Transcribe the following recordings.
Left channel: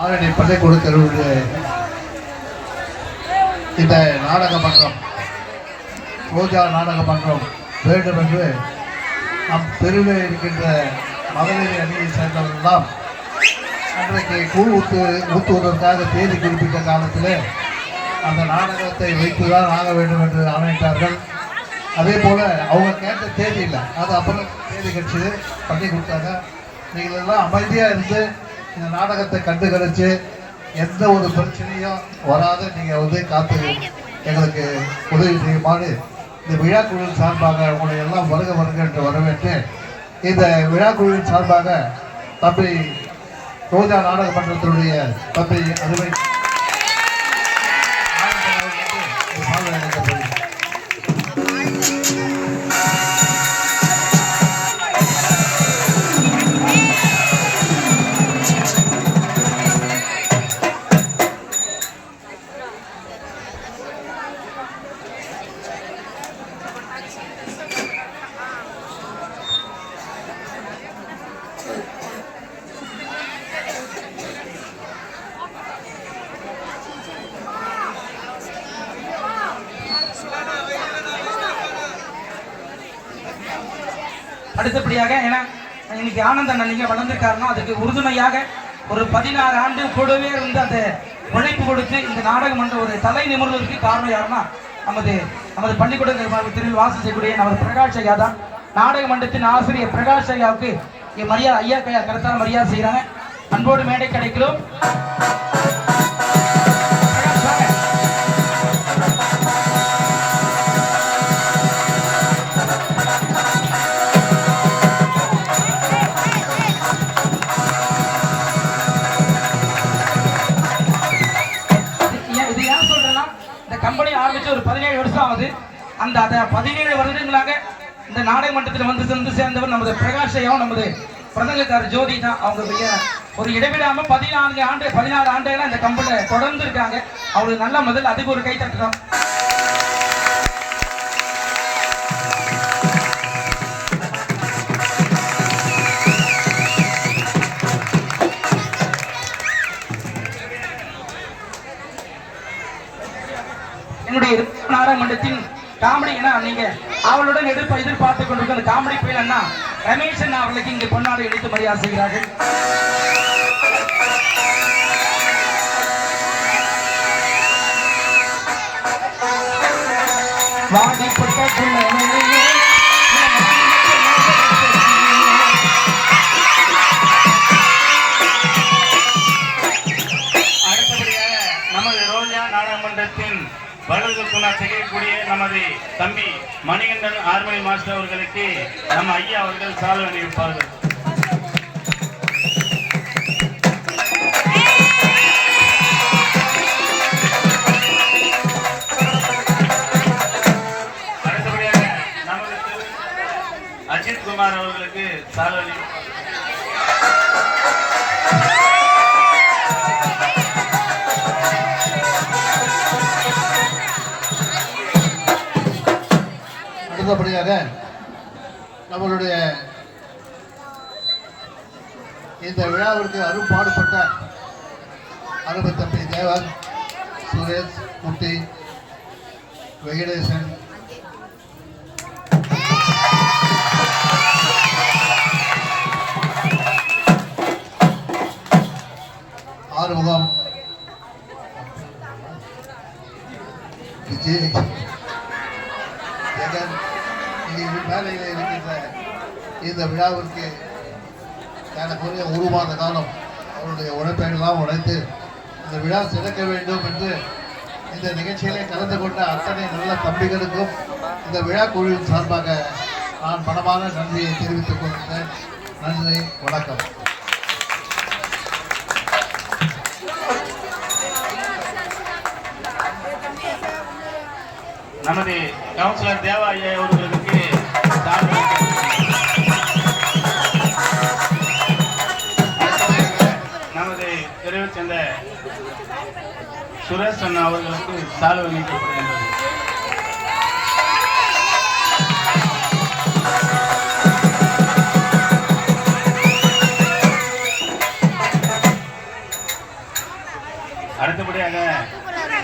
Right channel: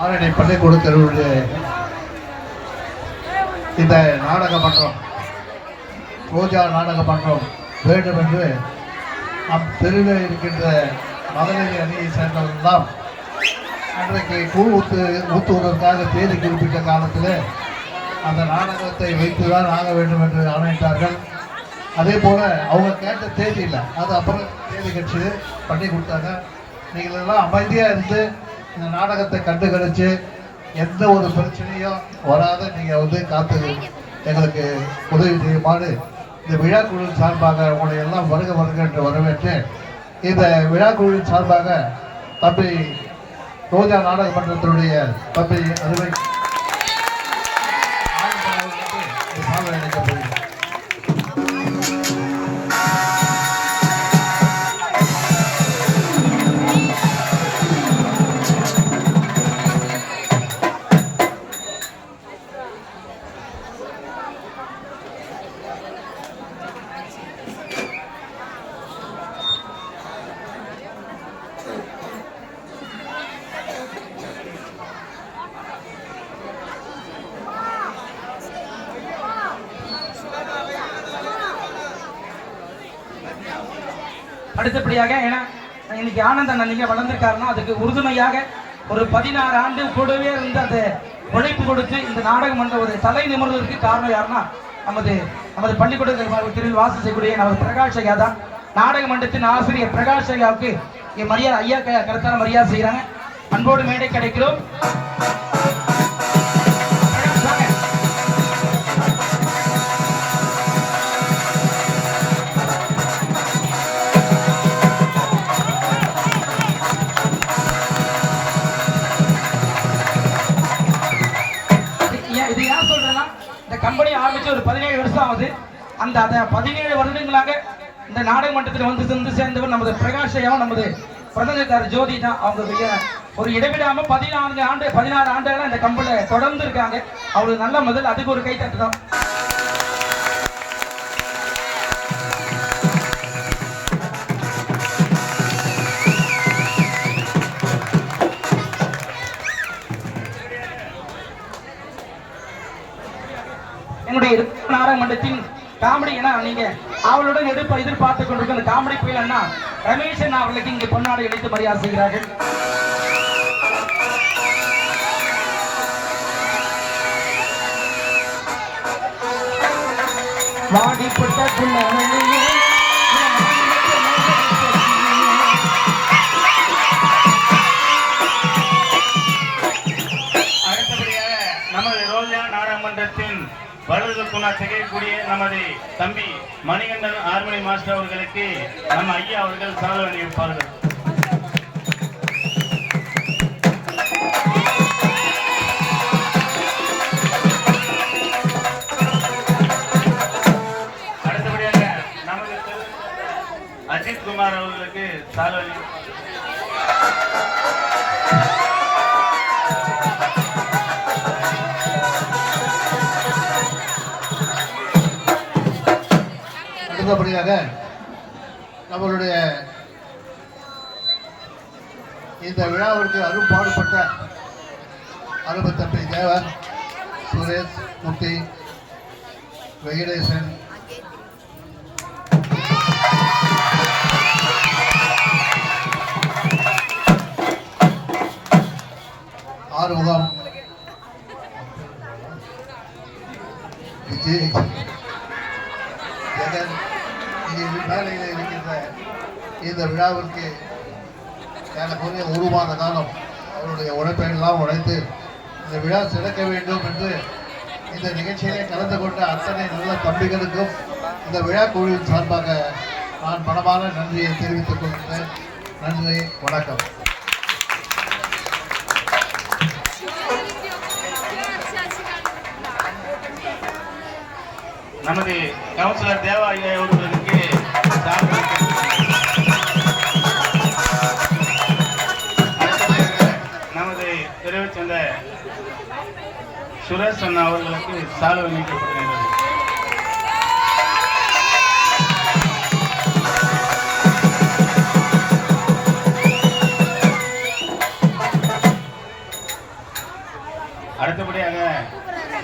ஆரணி பள்ளிக்கூட தெருவுடைய இந்த நாடக மன்றம், ரோஜா நாடக மன்றம் வேண்டும் என்று நம் தெருவில் இருக்கின்ற மகளிர் அணியை சேர்ந்தவர்களெல்லாம் அன்றைக்கு கூழ் ஊற்றுவதற்காக தேதி குறிப்பிட்ட காலத்தில் அந்த நாடகத்தை வைத்துதான் ஆக வேண்டும் என்று ஆணையிட்டார்கள். அதே போல் அவங்க கேட்ட தேதி இல்லை, அது அப்புறம் தேதி கட்சி பண்ணி கொடுத்தாங்க. நீங்கள் எல்லாம் அமைதியாக இருந்து இந்த நாடகத்தை கண்டு கழிச்சு எந்த ஒரு பிரச்சனையும் வராத நீங்கள் காத்து எங்களுக்கு உதவி செய்யுமாறு இந்த விழாக்குழுவின் சார்பாக உங்களை எல்லாம் வருக வருக என்று வரவேற்று இந்த விழாக்குழுவின் சார்பாக தம்பி ரோஜா நாடக மன்றத்தினுடைய தம்பி அறுவை அழைக்கப்படுகிறது. அடுத்தபடியாக ஏன்னா இன்னைக்கு ஆனந்த அண்ணன் வளர்ந்துருக்காருன்னா அதுக்கு உறுதுணையாக ஒரு 16 ஆண்டு கூடவே இருந்து அந்த உழைப்பு கொடுத்து இந்த நாடக மன்ற ஒரு தலை நிமிர்வதற்கு காரணம் யாருன்னா நமது பள்ளிக்கூட தெருவில் வாசல் செய்யக்கூடிய நமது பிரகாஷ் ஐயா தான். நாடக மன்றத்தின் ஆசிரியர் பிரகாஷ் ஐயாவுக்கு மரியாதை ஐயா கருத்தான மரியாதை செய்கிறாங்க. அன்போடு மேடை கிடைக்கிறோம். கம்பெனி ஆரம்பிச்சு ஒரு 17 வருஷம் ஆகுது. அந்த 17 வருடங்களாக இந்த நாடக மன்றத்தில் வந்து சேர்ந்தவர் நமது பிரகாஷ் ஐயாவும் நமது பிரதங்கக்காரர் ஜோதி தான். அவங்க ஒரு இடைவிடாம 16 ஆண்டுகளா இந்த கம்பெனியில் தொடர்ந்து இருக்காங்க. அவங்களுக்கு நல்ல முதல் அதுக்கு ஒரு கை தட்டுறோம். என்னுடைய நாடக மன்றத்தின் காமெடி நீங்க அவளுடன் எதிர்பார்த்துக் கொண்டிருக்க அந்த காமெடி புயல் அண்ணா ரமேஷ் அண்ணா அவர்களுக்கு இங்கே பொன்னாடு இணைத்து மரியாதை செய்கிறார்கள். அடுத்தபடியாக நமது ரோஜா நாடக மன்றத்தின் வலது துணா செய்யக்கூடிய நமது தம்பி மணிகண்டன் ஆர்மணி மாஸ்டர் அவர்களுக்கு நம்ம ஐயா அவர்கள் சால்வை அணிவிப்பார்கள். அடுத்தபடியாக நமது அஜித் குமார் அவர்களுக்கு சால்வை அணிவிப்பார்கள். அடுத்தபடியாக நம்மளுடைய இந்த விழாவிற்கு அரும்பாடுபட்ட அருமை தம்பி தேவன், சுரேஷ், முட்டி, வெங்கடேசன், ஆறுமுகம், விஜய், ஜெகன், மேலையில் இருக்கின்ற இந்த விழாவிற்கு ஏறக்குறைய 1 மாத காலம் அவருடைய உழைப்பெல்லாம் உழைத்து இந்த விழா சிறக்க வேண்டும் என்று இந்த நிகழ்ச்சியிலே கலந்து கொண்ட அத்தனை நல்ல தம்பிகளுக்கும் இந்த விழா குழுவின் சார்பாக நான் மனமான நன்றியை தெரிவித்துக் கொள்கிறேன். நன்றி, வணக்கம். நமது கவுன்சிலர் தேவா ஐயா அவர்களுக்கு நமது தெருவை சேர்ந்த சுரேஷ் அண்ணா அவர்களுக்கு சால்வை நீக்கப்படுகின்றது. அடுத்தபடியாக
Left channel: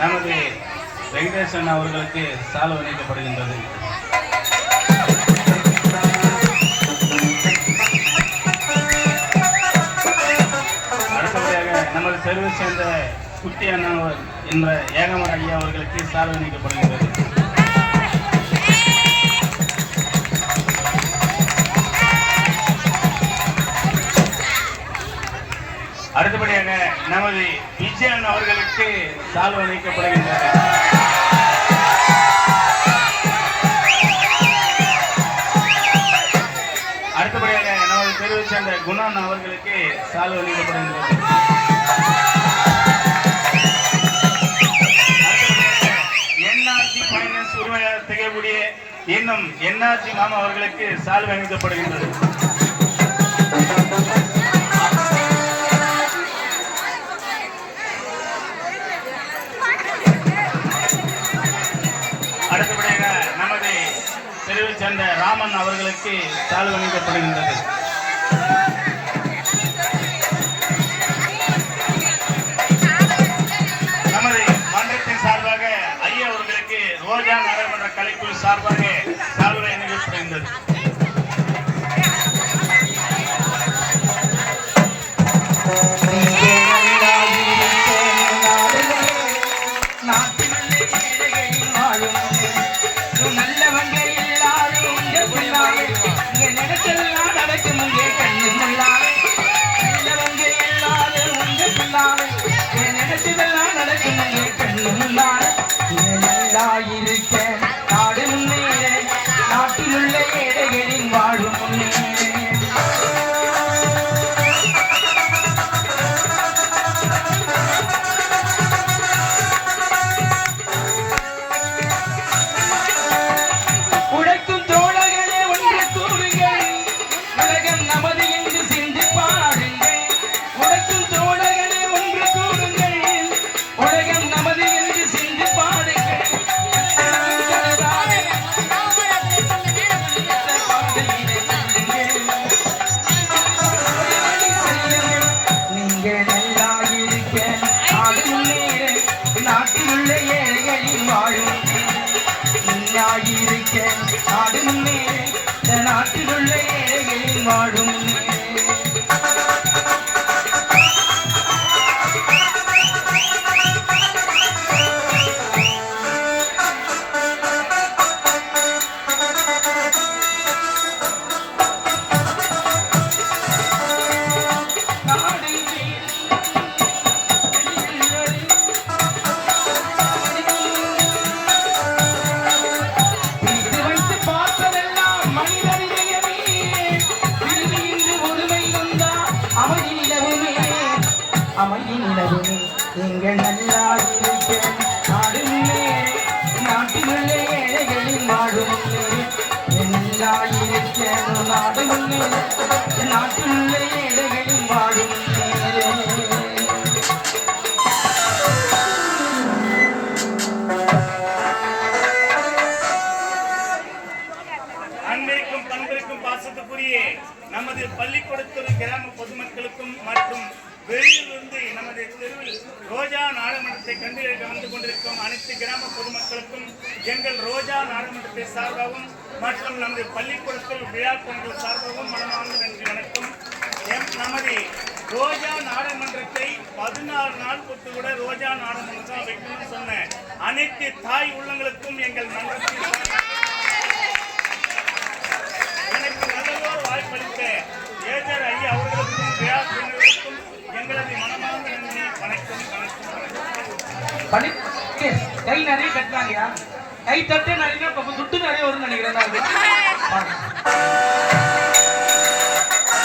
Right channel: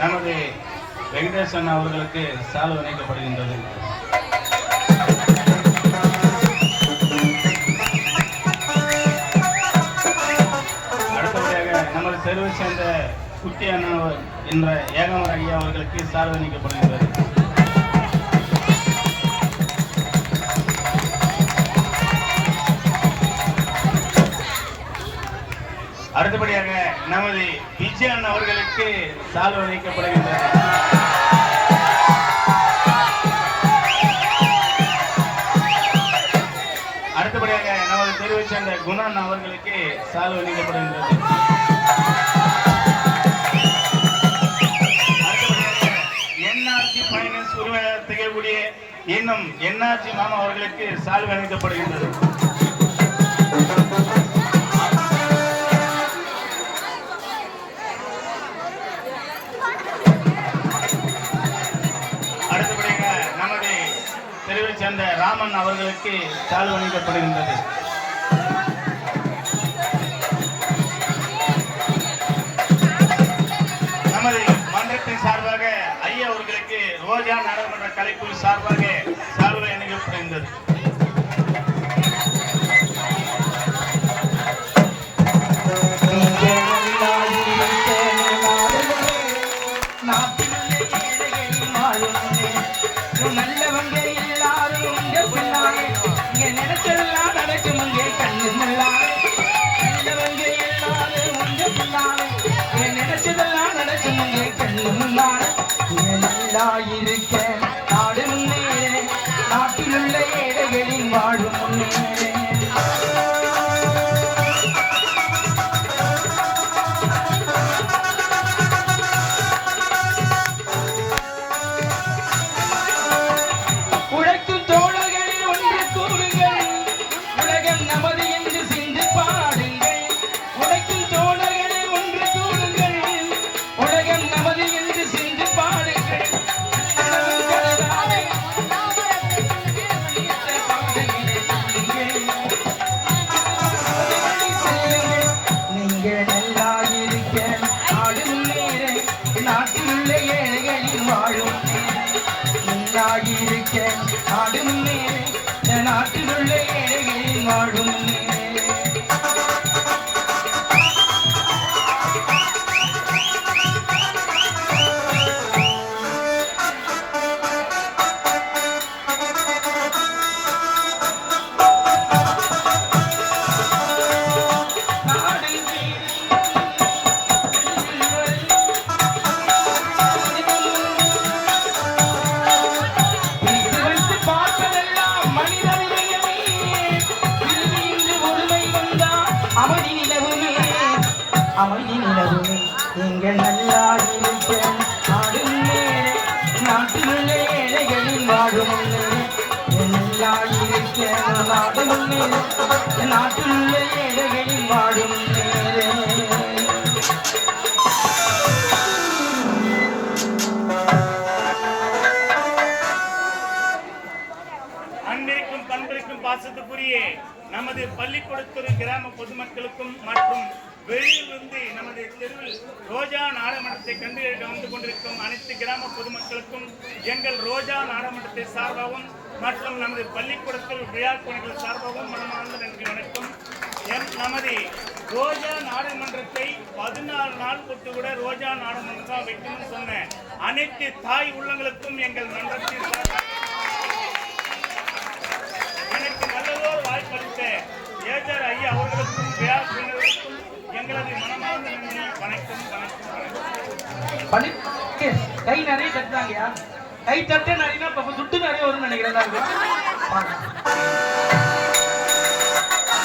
நமது வெங்கடேசன் அவர்களுக்கு சால்வை அணிவிக்கப்படுகின்றது. அடுத்தபடியாக நமது தெருவை சேர்ந்த குட்டி அண்ணா என்ற ஏகமர ஐயா அவர்களுக்கு சால்வை அணிவிக்கப்படுகின்றது. அடுத்தபடியாக நமது விஜயன் அவர்களுக்கு சால்வை அணிவிக்கப்படுகின்றது. அடுத்தபடியாக நமது தெருவை சேர்ந்த குணன் அவர்களுக்கு சால்வை அணிவிக்கப்படுகின்றது. என்ஆர்ஜி ஃபைனான்ஸ் உரிமையாளர் திகழக்கூடிய இன்னும் என்ஆர்ஜி மாமா அவர்களுக்கு சால்வை அணிவிக்கப்படுகின்றது. அடுத்தபடியாக நமது தெருவை சேர்ந்த ராமன் அவர்களுக்கு சால்வை அணிவிக்கப்படுகின்றது. நமது மன்றத்தின் சார்பாக ஐயா அவர்களுக்கு ரோஜா நாடாளுமன்ற கலைக்குழு சார்பாக சால்வை அணிவிக்கப்படுகின்றது. நல்லவங்க எல்லாரும் இங்க பிள்ளாவே இங்க நினைச்செல்லாம் நடக்கும் இங்கே கண்ணு முள்ளாவே நல்லவங்க எல்லாரும் இங்க பிள்ளாவே இங்க நினைச்சதெல்லாம் நடக்கும் இங்கே கண்ணு முள்ளாவே நல்லா இருக்க நாடு முன்னேற நாட்டில் உள்ள ஏழைகளின் வாழும் முன்னேற நாட்டிலுள்ள ஏழைகளின் வாழும் இருக்க நாடு முன்னேற நாட்டிலுள்ள ஏழைகளின் வாழும் அமைதி நிலவுமே நீங்கள் நல்லா இருக்க நாடு முன்னேற நாட்டிலுள்ள ஏழைகளின் வாழும் நல்லா இருக்க நாடு முன்னேற நாட்டிலுள்ள ஏழைகளின் வாழும் அன்பிற்கும் பண்பிற்கும் பாசத்துக்குரிய நமது பள்ளிக்கூடத்துறை கிராம பொதுமக்களுக்கும் மற்றும் வெளியிலிருந்து நமது தெருவில் ரோஜா நாடாளுமன்றத்தை கண்டு வந்து கொண்டிருக்கும் அனைத்து கிராம பொதுமக்களுக்கும் எங்கள் ரோஜா நாடாளுமன்றத்தை சார்பாகவும் மற்றும் நமது பள்ளிக்கூடத்தில் விழா பணிகள் சார்பாகவும் மனமார்ந்த நன்றி வணக்கம். நமது ரோஜா நாடாளுமன்றத்தை 14 நாள் பொறுத்து கூட ரோஜா நாடாளுமன்றம் வைக்கணும்னு சொன்ன அனைத்து தாய் உள்ளங்களுக்கும் எங்கள் மன்றத்தில் எனக்கு நல்லதோர் வாய்ப்பளித்த ஏஜர் ஐயா அவர்களுக்கும் விழா பணிகளுக்கும் எங்களது மனமார்ந்த நன்றி வணக்கம் வணக்கம். கை நிறைய கட்டுறாங்கயா, கை தட்டே நிறைய துட்டு நிறைய வரும்னு நினைக்கிறேன்.